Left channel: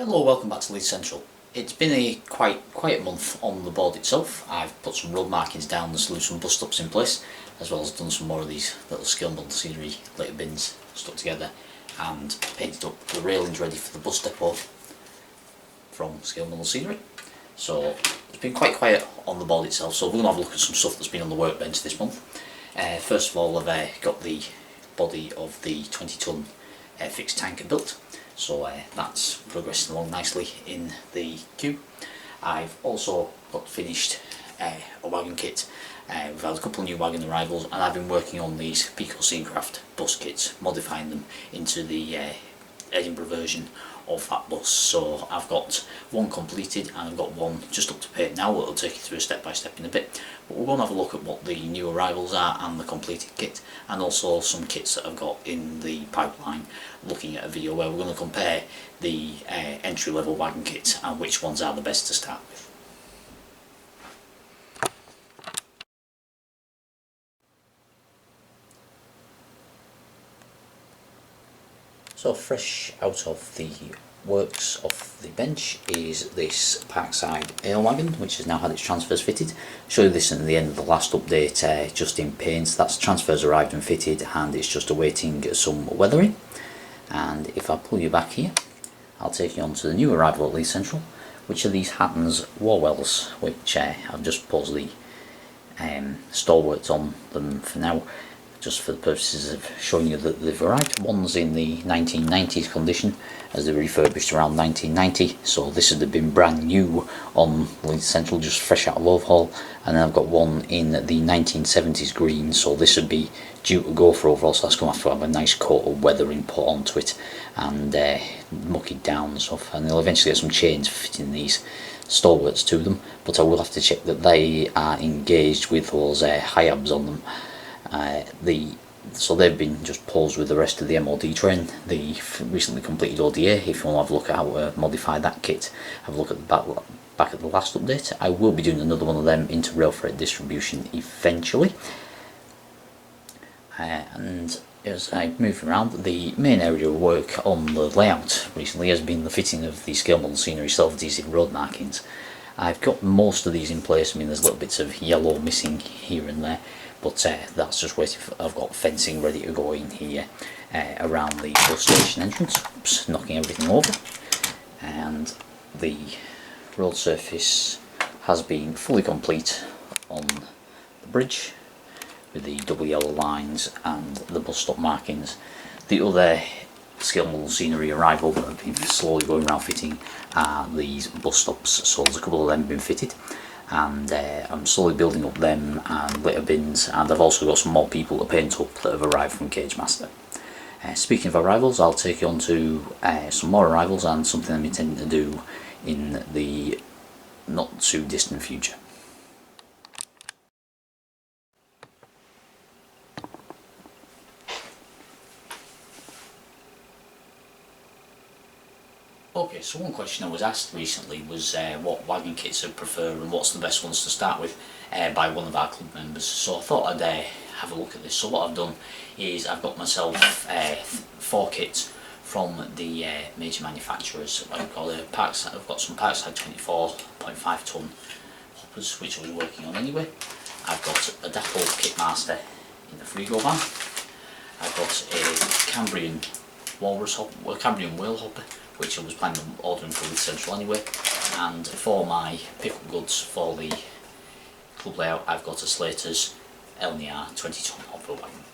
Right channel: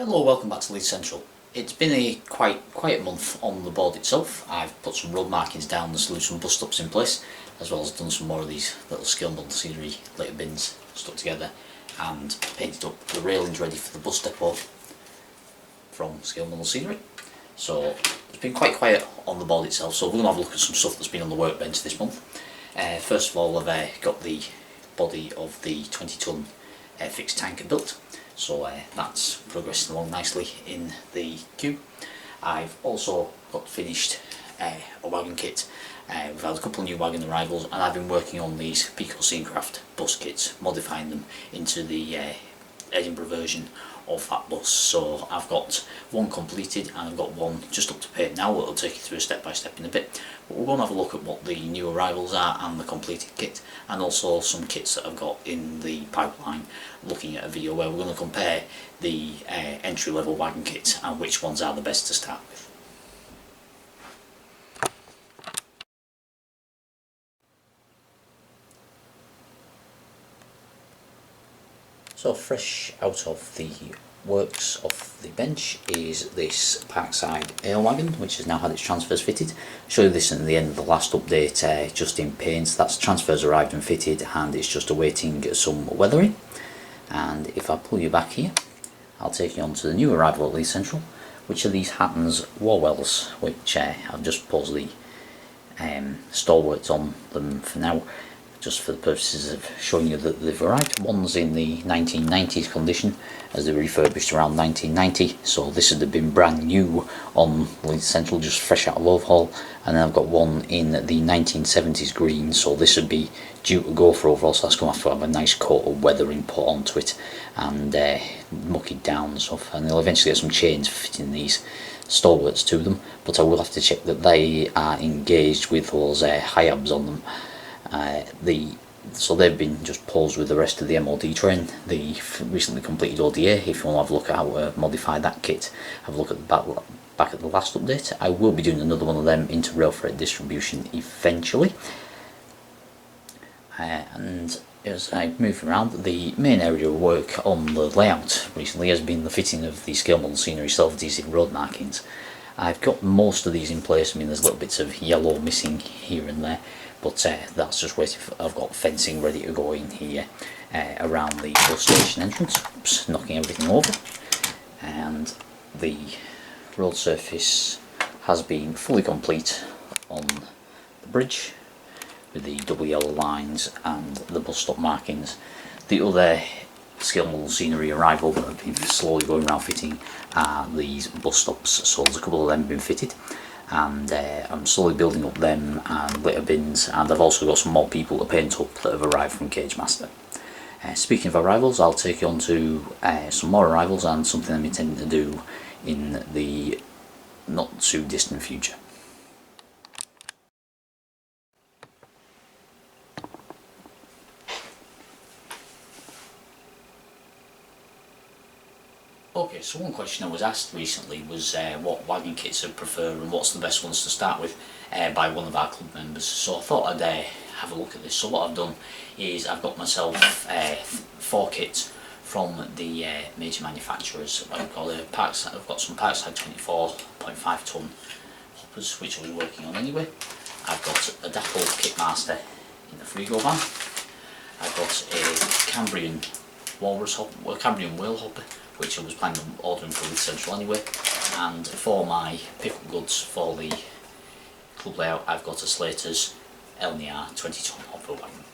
Hello, welcome back to Leith Central. It's been a quite quiet month on the board itself. I've put some road markings down, there's some bus stops in place, as well as done some more of these little scale model scenery litter bins stuck together and painted up the railings ready for the bus depot from scale model scenery. So it's been quite quiet on the board itself, so we're going to have a look at some stuff that's been on the workbench this month. First of all, I've got the body of the 20-ton fixed tanker built. So that's progressing along nicely in the queue. I've also got finished a wagon kit. We've had a couple of new wagon arrivals, and I've been working on these peco Scenecraft bus kits, modifying them into the Edinburgh version of that bus. So I've got one completed and I've got one just up to paint now. It'll take you through a step by step in a bit, but we're going to have a look at what the new arrivals are and the completed kit, and also some kits that I've got in the pipeline, looking at a video where we're going to compare the entry level wagon kits and which ones are the best to start with. So fresh out of the works of the bench is this Parkside Ale wagon, which has now had its transfers fitted. Show you this at the end of the last update, just in paint. That's transfers arrived and fitted, and it's just awaiting some weathering. And if I pull you back here, I'll take you on to the new arrival at Leith Central, which are these Hattons Warwells, which I've just paused the stalwarts on them for now, just for the purposes of showing you that they've arrived. One's in the 1990s condition, as they were refurbished around 1990, so this would have been brand new on Leith Central, just fresh out of overhaul. And then I've got one in the 1970s green, so this would be due to go for overhaul, so that's going to have a nice coat of weathering put onto it and muck it down and stuff. And they'll eventually get some chains fitting these stalwarts to them, but I will have to check that they are engaged with those high-abs on them. So they've been just paused with the rest of the MOD train, the recently completed ODA. If you want to have a look at how to modify that kit, have a look at the back at the last update. I will be doing another one of them into rail freight distribution eventually. And as I move around, the main area of work on the layout recently has been the fitting of the scale model scenery self-adhesive road markings. I've got most of these in place. I mean, there's little bits of yellow missing here and there, but that's just waiting for. I've got fencing ready to go in here around the bus station entrance. Oops, knocking everything over. And the road surface has been fully complete on the bridge with the double yellow lines and the bus stop markings. The other scale model scenery arrival that have been slowly going around fitting are these bus stops, so there's a couple of them been fitted, and I'm slowly building up them and litter bins, and I've also got some more people to paint up that have arrived from Cage Master. Speaking of arrivals, I'll take you on to some more arrivals and something I'm intending to do in the not too distant future. Okay, so one question I was asked recently was what wagon kits I prefer and what's the best ones to start with by one of our club members. So I thought I'd have a look at this. So what I've done is I've got myself 4 kits from the major manufacturers. I've got some Parkside 24.5 ton hoppers, which I was working on anyway. I've got a Dapple Kitmaster in the Frigo van. I've got a Cambrian Walrus hopper, Cambrian Whale hopper, which I was planning on ordering for Leith Central anyway. And for my pickup goods for the club layout, I've got a Slater's LNR 20-ton hopper wagon.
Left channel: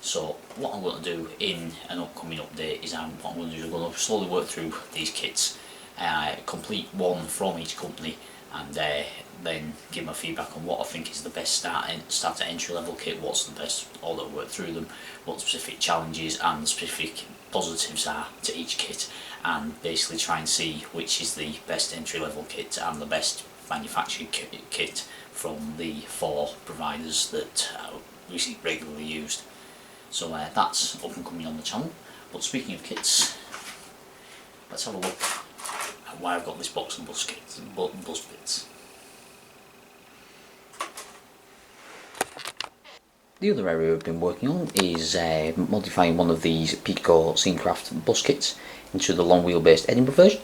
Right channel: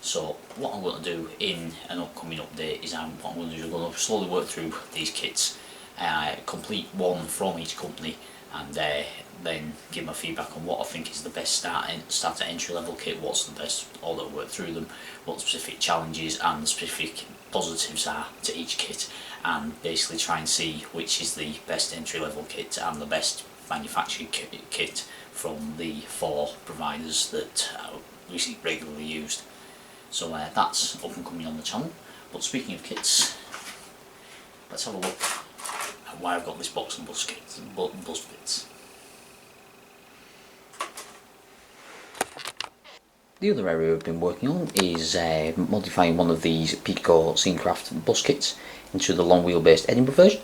So what I'm going to do in an upcoming update is I'm going to slowly work through these kits, complete one from each company, and then give my feedback on what I think is the best starter entry level kit, what's the best order to work through them, what the specific challenges and the specific positives are to each kit, and basically try and see which is the best entry level kit and the best manufactured kit from the 4 providers that we see regularly used. So that's up and coming on the channel. But speaking of kits, let's have a look at why I've got this box of bus bits. The other area we've been working on is modifying one of these peco Scenecraft bus kits into the long wheelbase Edinburgh version.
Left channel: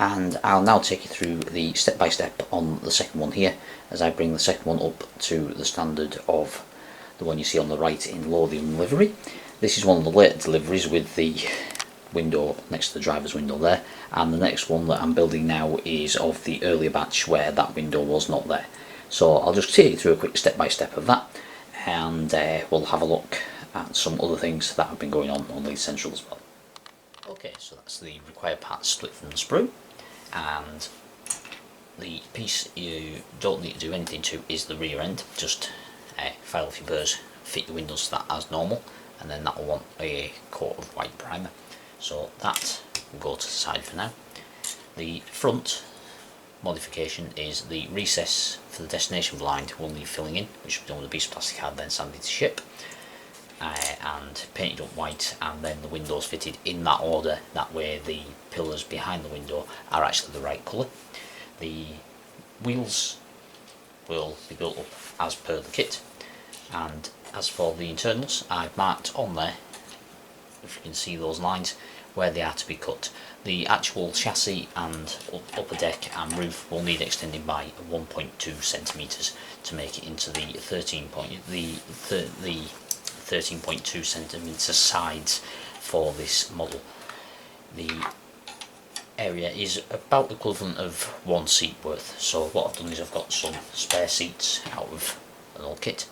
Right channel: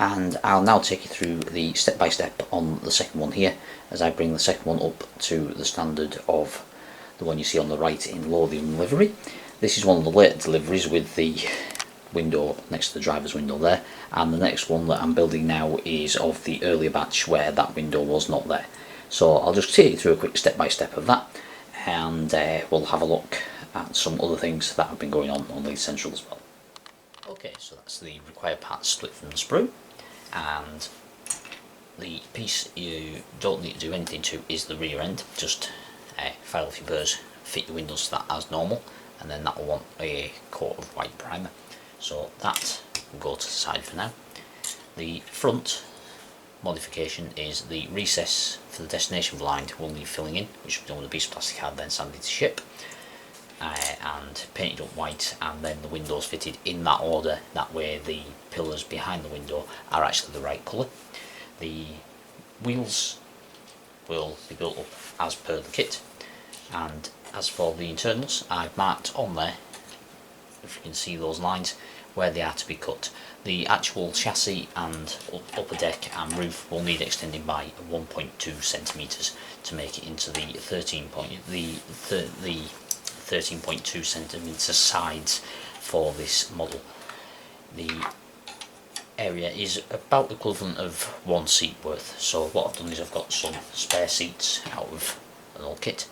and I'll now take you through the step by step on the second one here, as I bring the second one up to the standard of the one you see on the right in Lothian livery. This is one of the later deliveries with the window next to the driver's window there, and the next one that I'm building now is of the earlier batch where that window was not there. So I'll just take you through a quick step by step of that, and we'll have a look at some other things that have been going on Leith Central as well. Okay, so that's the required parts split from the sprue, and the piece you don't need to do anything to is the rear end. Just file off your burrs, fit your windows to that as normal, and then that will want a coat of white primer. So that will go to the side for now. The front modification is the recess for the destination blind will need filling in, which will be done with a piece of plastic card, then sanded to shape, and painted up white, and then the windows fitted in that order. That way the pillars behind the window are actually the right colour. The wheels will be built up as per the kit, and as for the internals, I've marked on there, if you can see those lines, where they are to be cut. The actual chassis and upper deck and roof will need extending by 1.2 centimetres to make it into the 13.2 centimetre sides for this model. The area is about the equivalent of one seat worth, so what I've done is I've got some spare seats out of an old kit,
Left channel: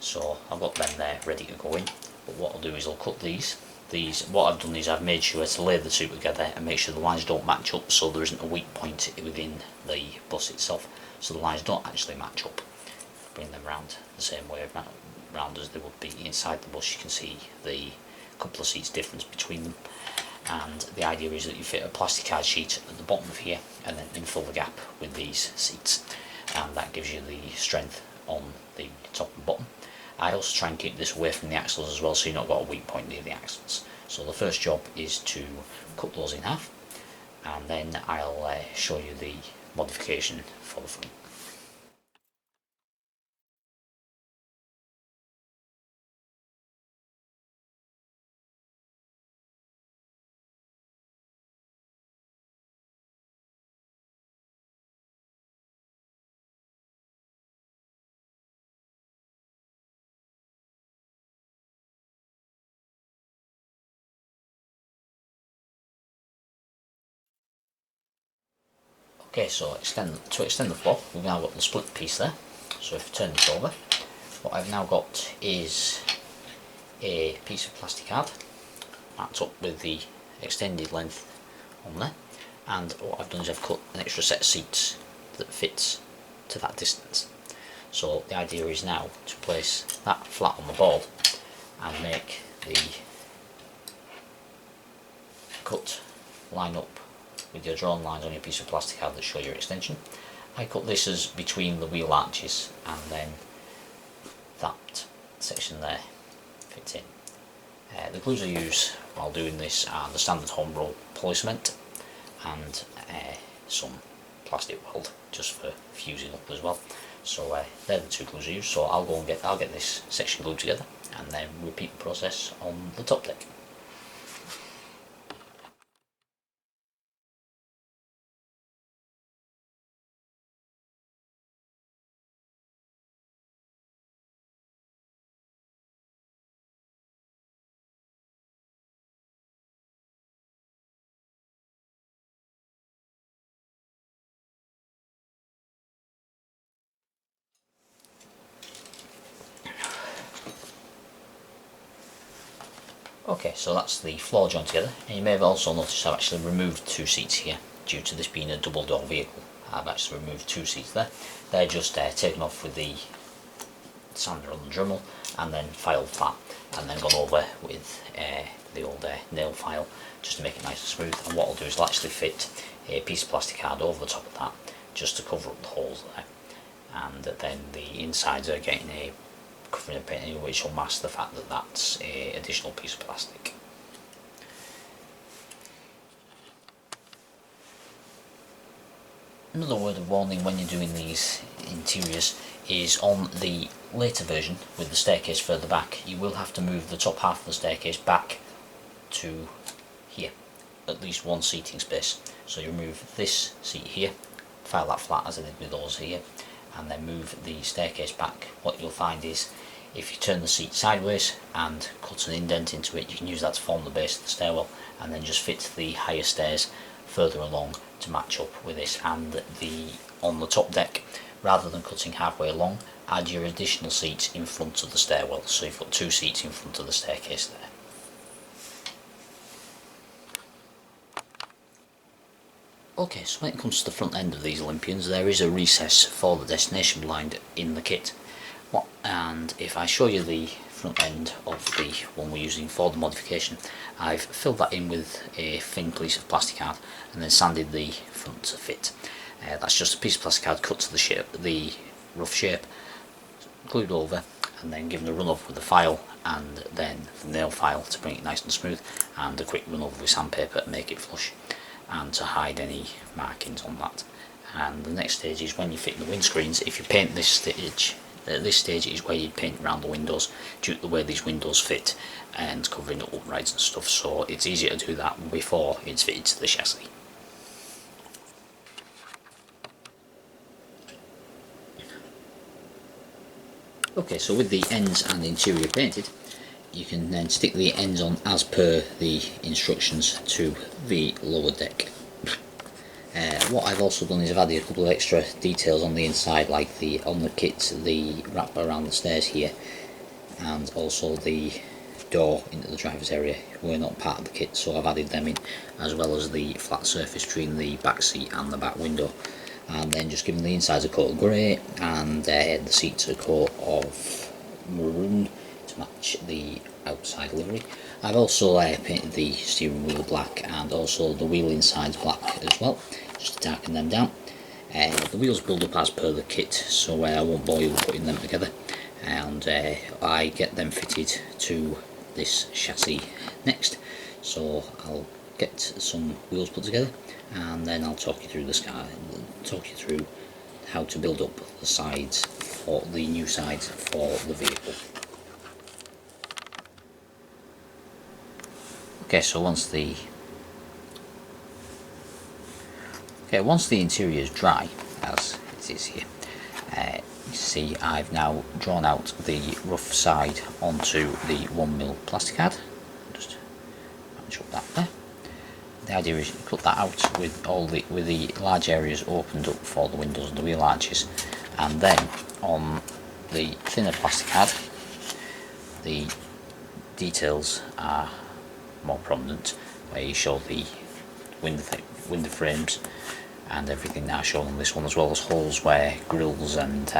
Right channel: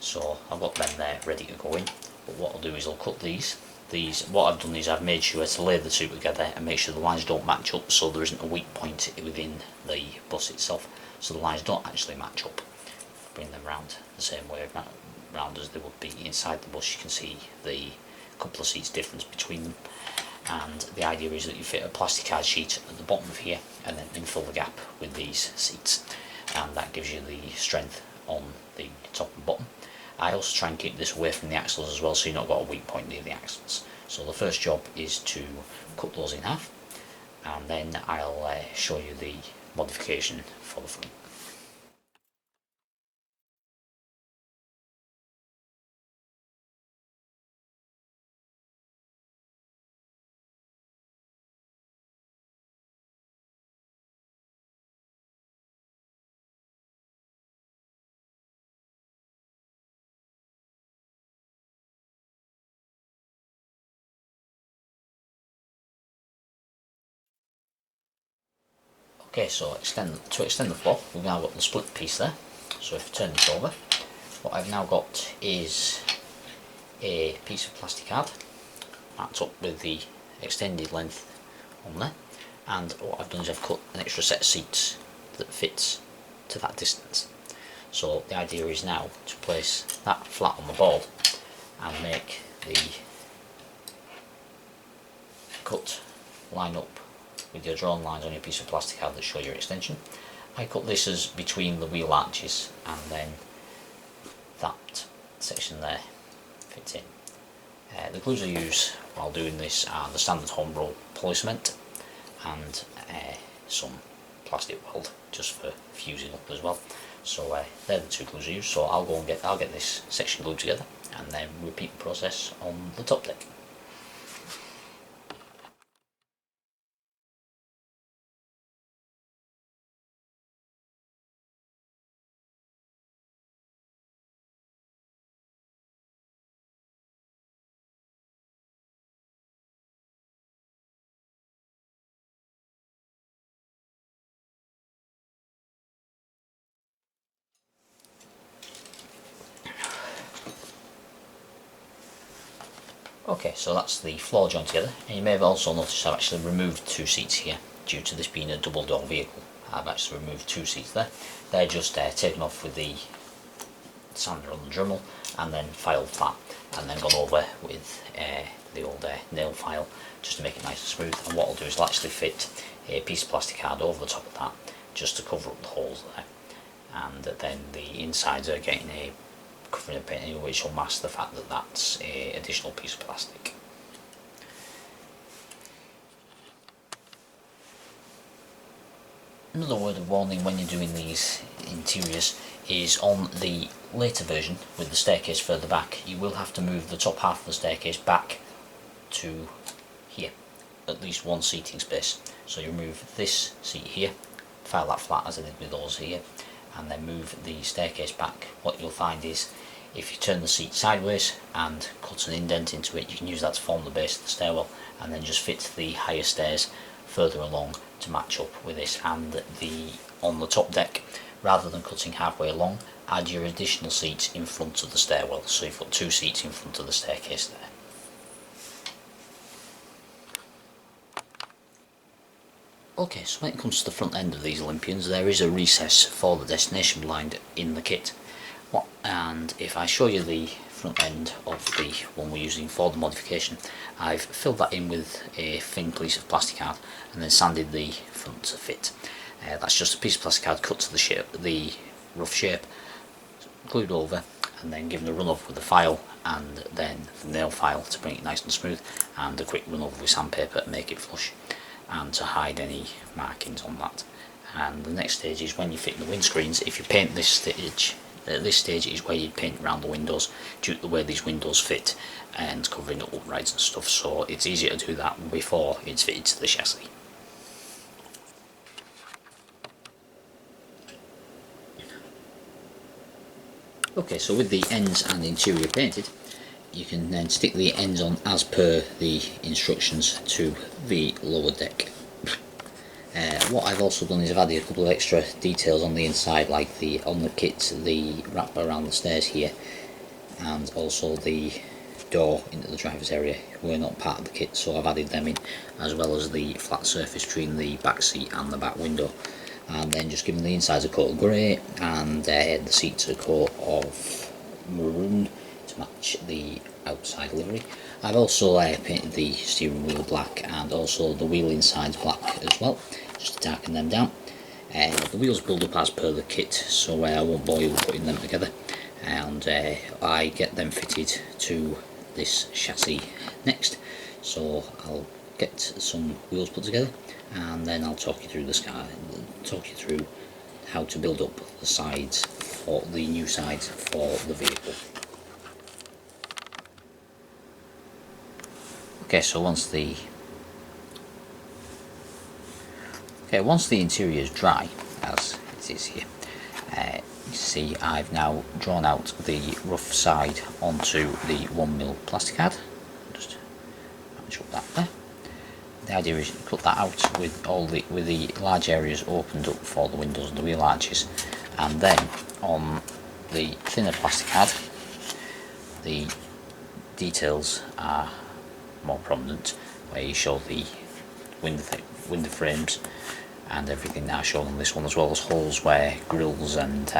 so I've got them there ready to go in. But what I'll do is I'll cut these. What I've done is I've made sure to lay the two together and make sure the lines don't match up, so there isn't a weak point within the bus itself, so the lines don't actually match up. Bring them round the same way round as they would be inside the bus. You can see the couple of seats difference between them, and the idea is that you fit a plastic card sheet at the bottom of here and then infill the gap with these seats, and that gives you the strength on the top and bottom. I also try and keep this away from the axles as well, so you've not got a weak point near the axles. So the first job is to cut those in half, and then I'll show you the modification for the front. Okay, so to extend the floor, we've now got the split piece there. So if you turn this over, what I've now got is a piece of plastic card marked up with the extended length on there, and what I've done is I've cut an extra set of seats that fits to that distance. So the idea is now to place that flat on the board and make the cut line up with your drawn lines on your piece of plastic card that show your extension. I cut this as between the wheel arches, and then that section there fits in. The glues I use while doing this are the standard home roll poly cement and some plastic weld just for fusing up as well. So they're the two glues I use. So I'll get this section glued together and then repeat the process on the top deck. Okay, so that's the floor joint together, and you may have also noticed I've actually removed two seats here due to this being a double door vehicle. I've actually removed two seats there. They're just taken off with the sander on the Dremel and then filed flat, and then gone over with the old nail file just to make it nice and smooth. And what I'll do is I'll actually fit a piece of plastic card over the top of that just to cover up the holes there, and then the insides are getting a covering of paint which will mask the fact that that's an additional piece of plastic. Another word of warning when you're doing these interiors is on the later version with the staircase further back, you will have to move the top half of the staircase back to here, at least one seating space. So you remove this seat here, file that flat as I did with those here, and then move the staircase back. What you'll find is if you turn the seat sideways and cut an indent into it, you can use that to form the base of the stairwell, and then just fit the higher stairs further along to match up with this. And on the top deck, rather than cutting halfway along, add your additional seats in front of the stairwell, so you've got 2 seats in front of the staircase there. Okay, so when it comes to the front end of these Olympians, there is a recess for the destination blind in the kit. And if I show you the front end of the one we're using for the modification, I've filled that in with a thin piece of plastic card and then sanded the front to fit. That's just a piece of plastic card cut to the rough shape, glued over, and then given a run over with a file and then the nail file to bring it nice and smooth, and a quick run over with sandpaper to make it flush and to hide any markings on that. And the next stage is when you fit the windscreens. If you paint this stage, at this stage is where you paint around the windows due to the way these windows fit and covering up uprights and stuff, so it's easier to do that before it's fitted to the chassis. Okay, so with the ends and the interior painted, you can then stick the ends on as per the instructions to the lower deck. What I've also done is I've added a couple of extra details on the inside, like on the kit, the wrap around the stairs here, and also the door into the driver's area were not part of the kit, so I've added them in, as well as the flat surface between the back seat and the back window, and then just given the insides a coat of grey and the seats a coat of maroon to match the outside livery. I've also painted the steering wheel black and also the wheel insides black as well, just to darken them down. The wheels build up as per the kit, so I won't bore you with putting them together, and I get them fitted to this chassis next. So I'll get some wheels put together and then I'll talk you through how to build up the sides, for the new sides for the vehicle. Okay, so once the interior is dry, as it is here, you see I've now drawn out the rough side onto the 1mm plastic card. Just match up that there. The idea is you cut that out with the large areas opened up for the windows and the wheel arches, and then on the thinner plastic card the details are more prominent, where you show the window frames and everything are shown on this one, as well as holes where grills and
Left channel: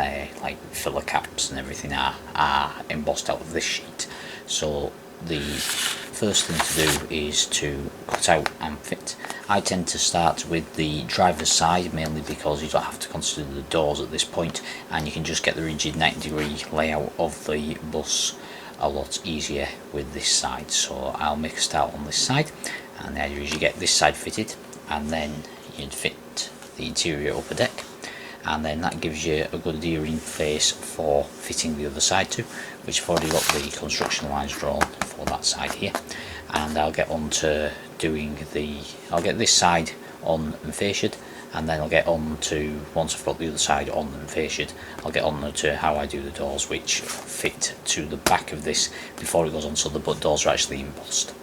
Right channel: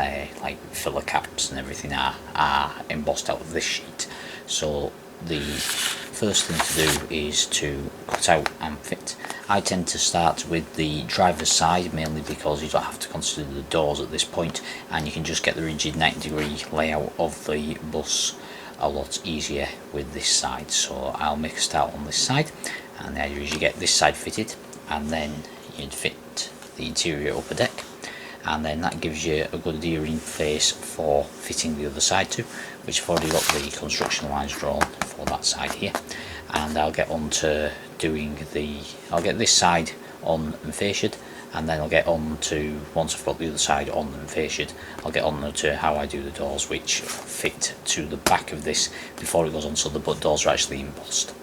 like filler caps and everything are embossed out of this sheet. So the first thing to do is to cut out and fit. I tend to start with the driver's side, mainly because you don't have to consider the doors at this point, and you can just get the rigid 90-degree layout of the bus a lot easier with this side. So I'll make a start on this side, and the idea is you get this side fitted and then you'd fit the interior upper deck, and then that gives you a good adhering face for fitting the other side to, which I've already got the construction lines drawn for that side here. And I'll get on to I'll get this side on and fasciaed, and then I'll get on to, once I've got the other side on and fasciaed, I'll get on to how I do the doors, which fit to the back of this before it goes on, so the doors are actually embossed.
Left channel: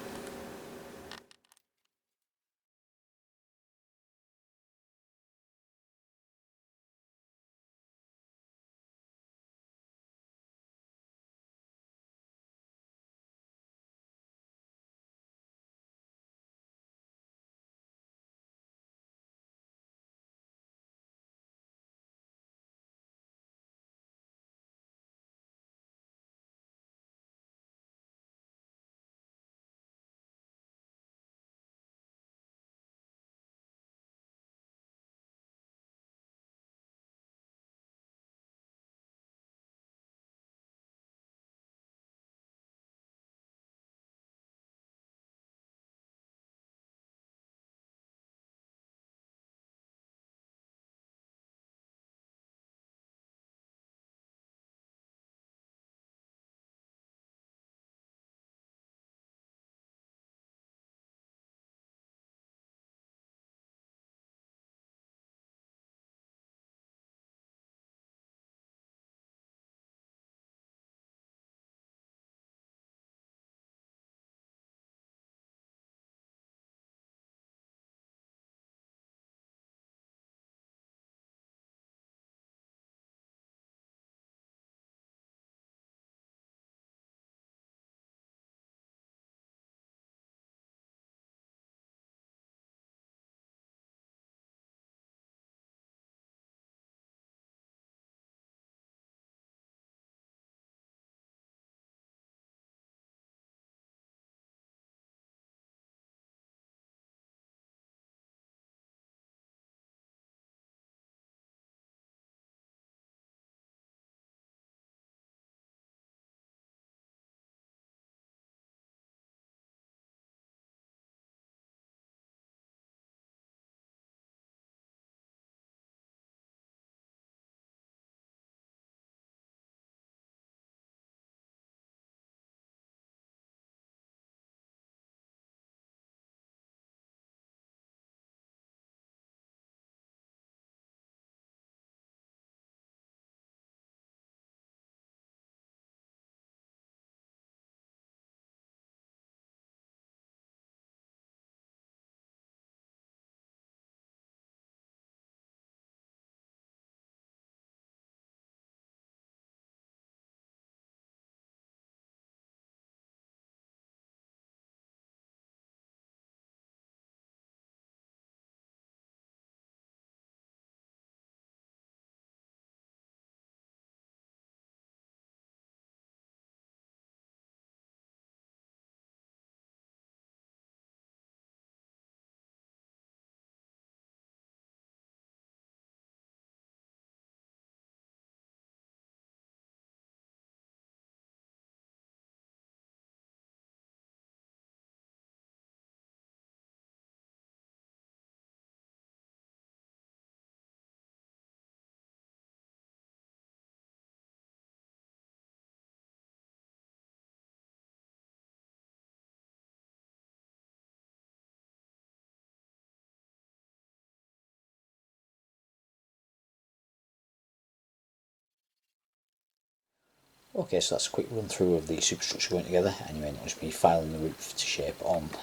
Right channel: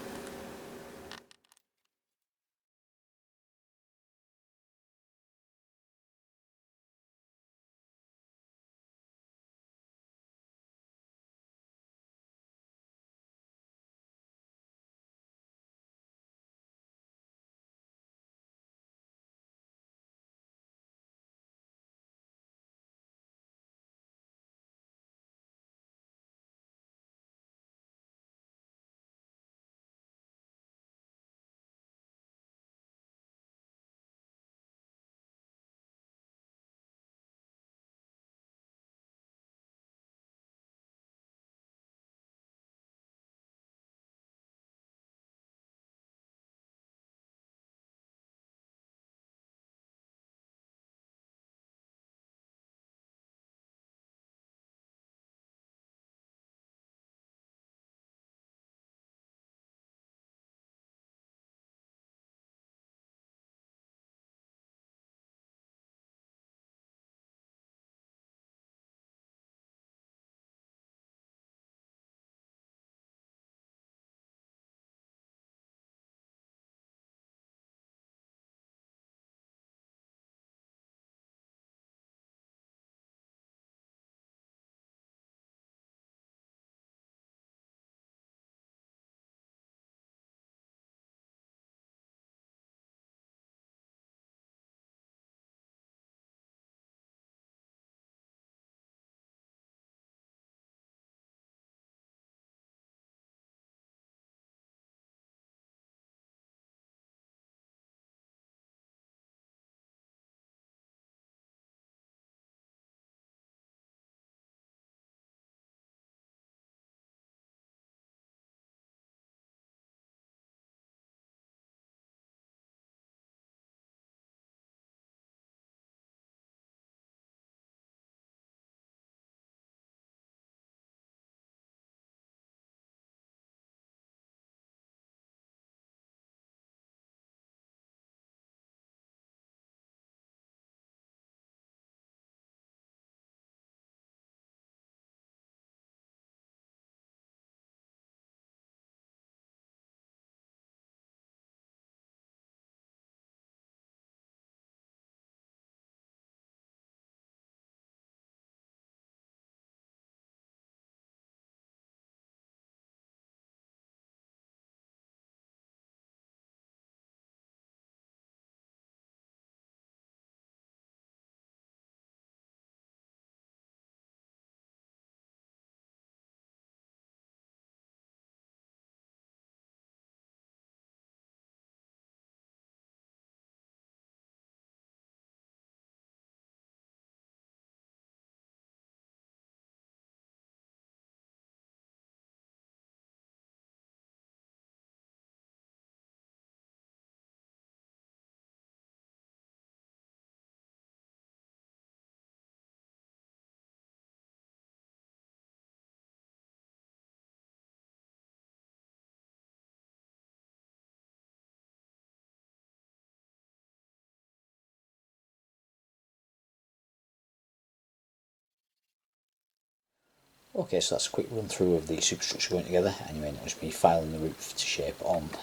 Okay, so that's a quick run through of the superstructure going together, and you may notice me filing the roof to shape on the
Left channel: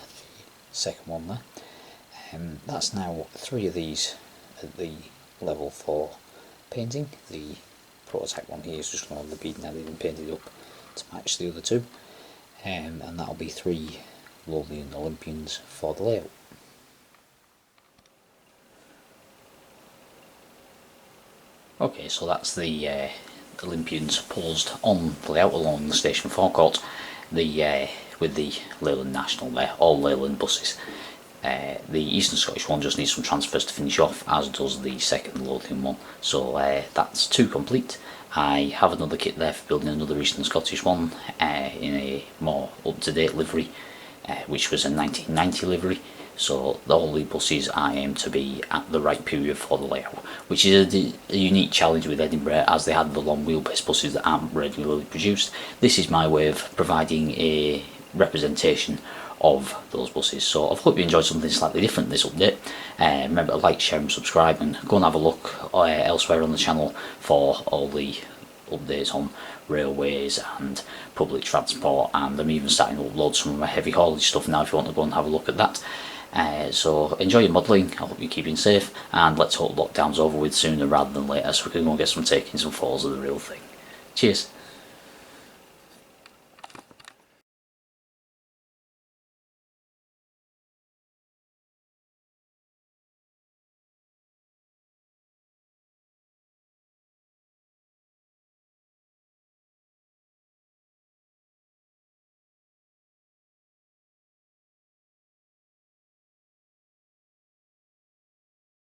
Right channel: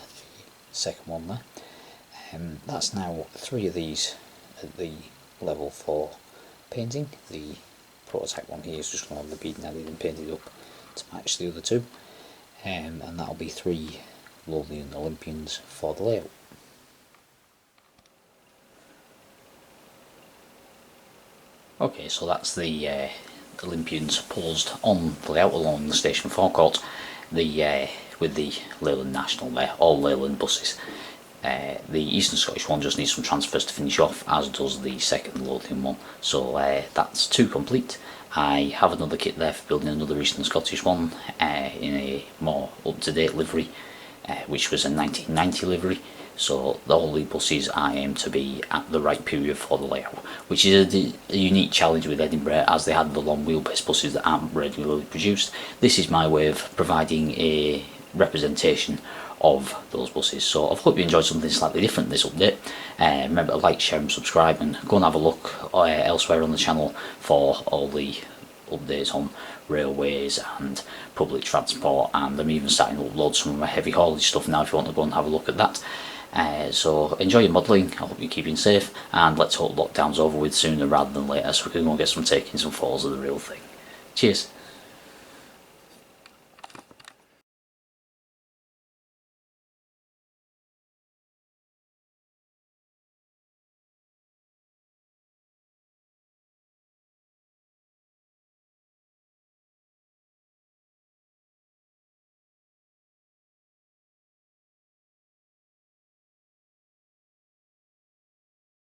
second one there. That's now 3 of these at the level for painting. The prototype one here is just going to have the beading added and painted up to match the other 2, and that'll be 3 Lothian Olympians for the layout. Okay, so that's the Olympians posed on the layout along the station forecourt, with the Leyland National there, all Leyland buses. The Eastern Scottish one just needs some transfers to finish off, as does the second Lothian one, so that's 2 complete. I have another kit there for building another Eastern Scottish one in a more up-to-date livery, which was a 1990 livery. So all the buses I aim to be at the right period for the layout, which is a unique challenge with Edinburgh, as they had the long wheelbase buses that aren't regularly produced. This is my way of providing a representation of those buses. So I hope you enjoyed something slightly different this update. Remember to like, share and subscribe, and go and have a look elsewhere on the channel for all the updates on railways and public transport, and I'm even starting to upload some of my heavy haulage stuff now if you want to go and have a look at that. So enjoy your modelling, I hope you're keeping safe, and let's hope lockdown's over with sooner rather than later so we can go and get some taking some photos of the real thing. Cheers!